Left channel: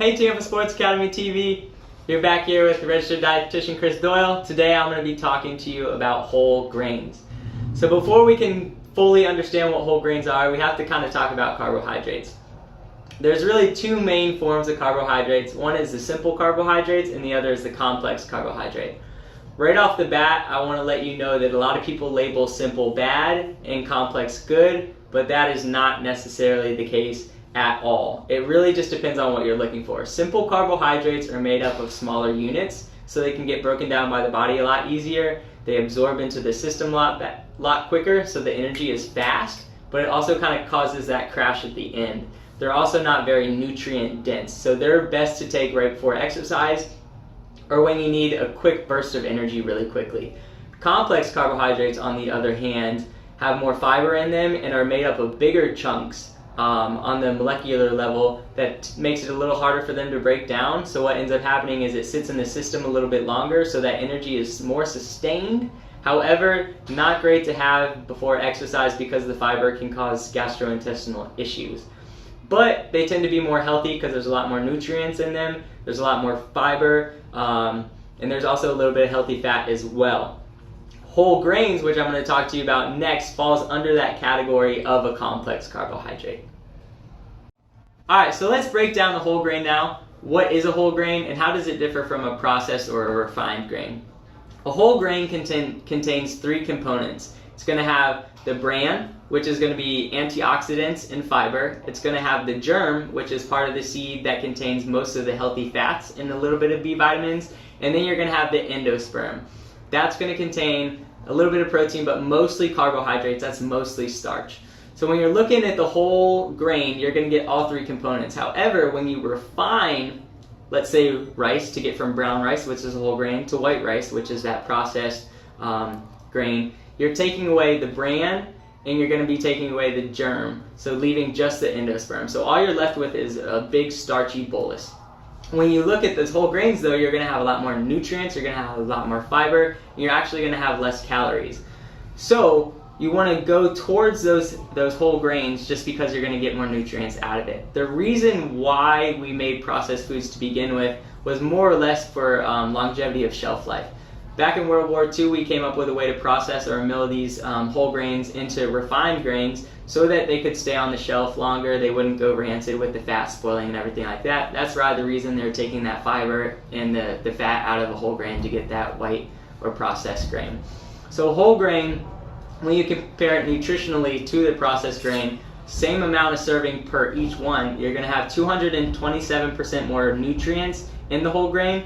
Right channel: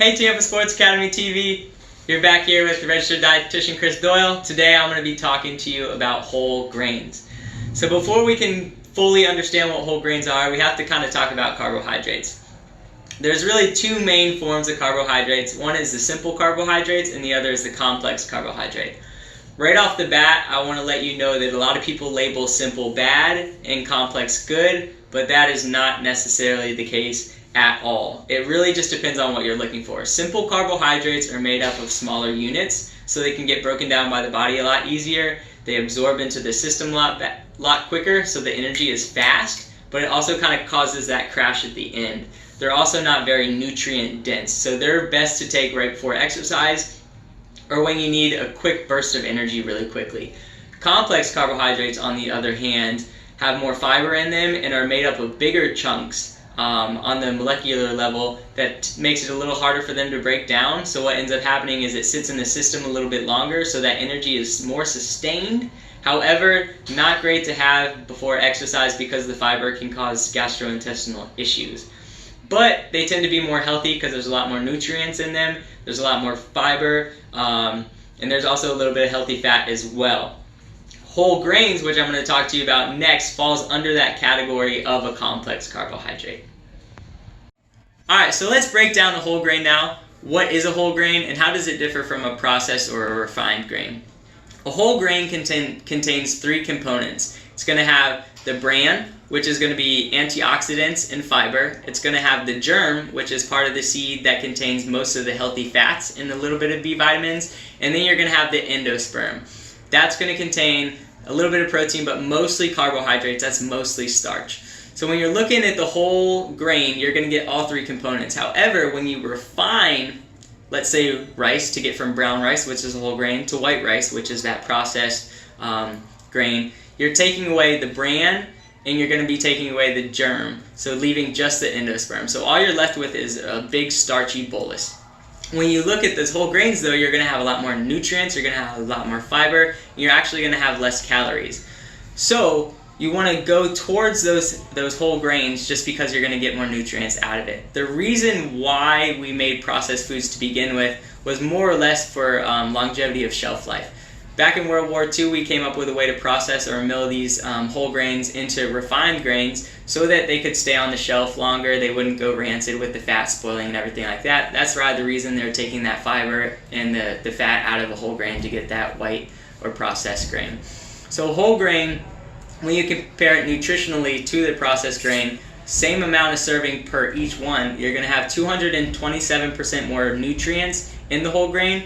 Hey Tampa Sports Academy TV, you're back here with the registered dietitian Chris Doyle. Today I'm going to be talking to you about whole grains. So before we can fully understand what whole grains are, we have to kind of talk about carbohydrates. There's really two main forms of carbohydrates. One is the simple carbohydrates and the other is the complex carbohydrate. Right off the bat, I want to let you know that a lot of people label simple bad and complex good, but that is not necessarily the case at all. It really just depends on what you're looking for. Simple carbohydrates are made up of smaller units, so they can get broken down by the body a lot easier. They absorb into the system a lot quicker, so the energy is fast, but it also kind of causes that crash at the end. They're also not very nutrient dense, so they're best to take right before exercise or when you need a quick burst of energy really quickly. Complex carbohydrates, on the other hand, have more fiber in them and are made up of bigger chunks on the molecular level that makes it a little harder for them to break down. So what ends up happening is it sits in the system a little bit longer, so that energy is more sustained. However, not great to have before exercise because the fiber can cause gastrointestinal issues. But they tend to be more healthy because there's a lot more nutrients in them, there's a lot more fiber, and there's also a little bit of healthy fat as well. Whole grains, which I'm going to talk to you about next, falls under that category of a complex carbohydrate. Alright, so let's break down the whole grain now. What is a whole grain and how does it differ from a processed or a refined grain? A whole grain contains three components. It's going to have the bran, which is going to be antioxidants and fiber. It's going to have the germ, which is part of the seed that contains most of the healthy fats and a little bit of B vitamins. And then you're going to have the endosperm. That's going to contain a little bit of protein, but mostly carbohydrates. That's mostly starch. So when you're looking at the whole grain, you're going to get all three components. However, when you refine, let's say rice, to get from brown rice, which is a whole grain, to white rice, which is that processed grain, you're taking away the bran and you're going to be taking away the germ, so leaving just the endosperm. So all you're left with is a big starchy bolus. When you look at those whole grains though, you're going to have a lot more nutrients, you're going to have a lot more fiber, and you're actually going to have less calories. So you want to go towards those whole grains just because you're going to get more nutrients out of it. The reason why we made processed foods to begin with was more or less for longevity of shelf life. Back in World War II, we came up with a way to process or mill these whole grains into refined grains so that they could stay on the shelf longer, they wouldn't go rancid with the fat spoiling and everything like that. That's right, the reason they're taking that fiber and the fat out of a whole grain to get that white or processed grain. So whole grain, when you compare it nutritionally to the processed grain, same amount of serving per each one, you're going to have 227% more nutrients in the whole grain.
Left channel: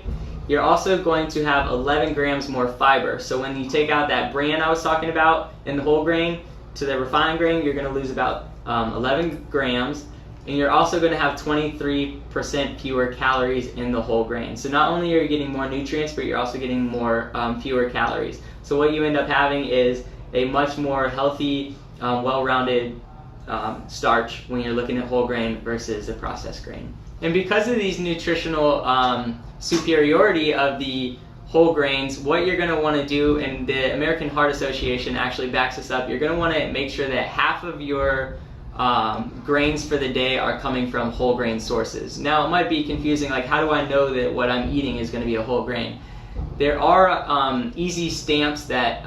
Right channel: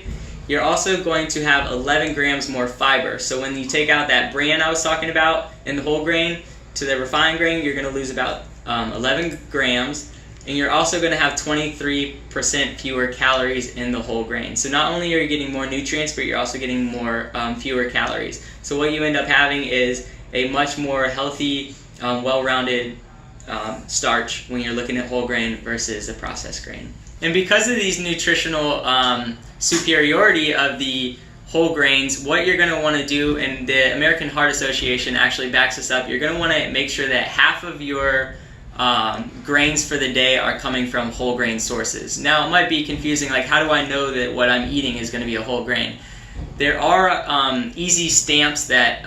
You're also going to have 11 grams more fiber. So when you take out that bran I was talking about in the whole grain to the refined grain, you're going to lose about 11 grams. And you're also going to have 23% fewer calories in the whole grain. So not only are you getting more nutrients, but you're also getting more fewer calories. So what you end up having is a much more healthy, well-rounded starch when you're looking at whole grain versus a processed grain. And because of these nutritional superiority of the whole grains, what you're going to want to do, and the American Heart Association actually backs this up, you're going to want to make sure that half of your grains for the day are coming from whole grain sources. Now it might be confusing, like how do I know that what I'm eating is going to be a whole grain? There are easy stamps that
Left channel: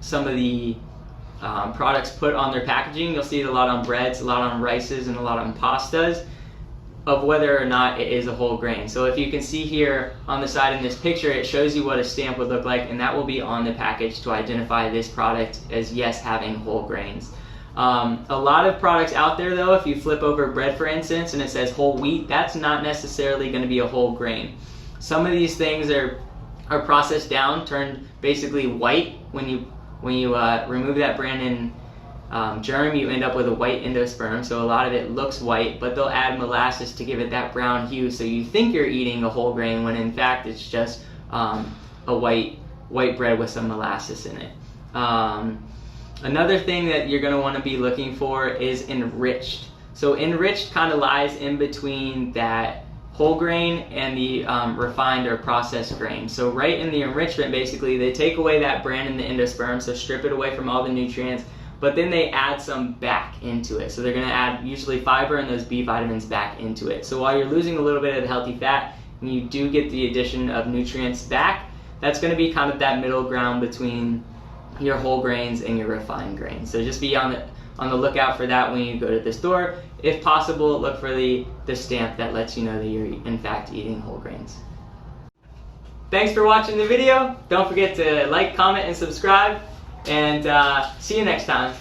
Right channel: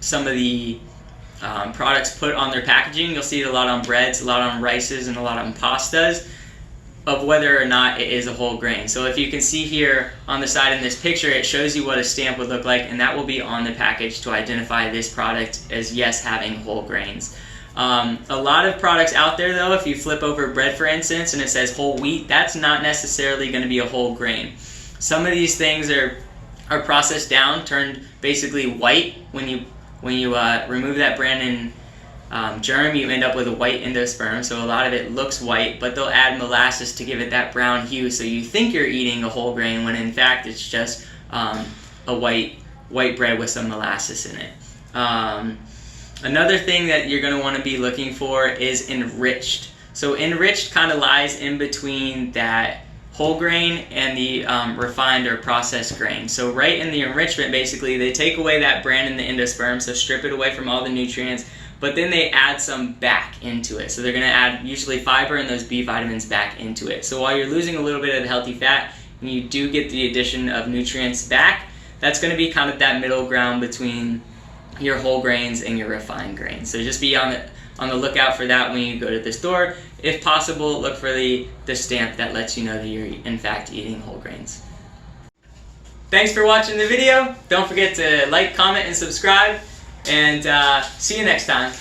some of the products put on their packaging. You'll see it a lot on breads, a lot on rices, and a lot on pastas, of whether or not it is a whole grain. So if you can see here on the side in this picture, it shows you what a stamp would look like, and that will be on the package to identify this product as yes, having whole grains. A lot of products out there though, if you flip over bread for instance and it says whole wheat, that's not necessarily going to be a whole grain. Some of these things are processed down, turned basically white. When you remove that bran and germ, you end up with a white endosperm, so a lot of it looks white, but they'll add molasses to give it that brown hue, so you think you're eating a whole grain when in fact it's just a white bread with some molasses in it. Another thing that you're going to want to be looking for is enriched. So enriched kind of lies in between that whole grain and the refined or processed grain. So right in the enrichment, basically, they take away that bran and the endosperm, so strip it away from all the nutrients, but then they add some back into it. So they're going to add usually fiber and those B vitamins back into it. So while you're losing a little bit of the healthy fat, and you do get the addition of nutrients back, that's going to be kind of that middle ground between your whole grains and your refined grains. So just be on the lookout for that when you go to the store. If possible, look for the stamp that lets you know that you're in fact eating whole grains. Thanks for watching the video. Don't forget to like, comment, and subscribe, and see you next time.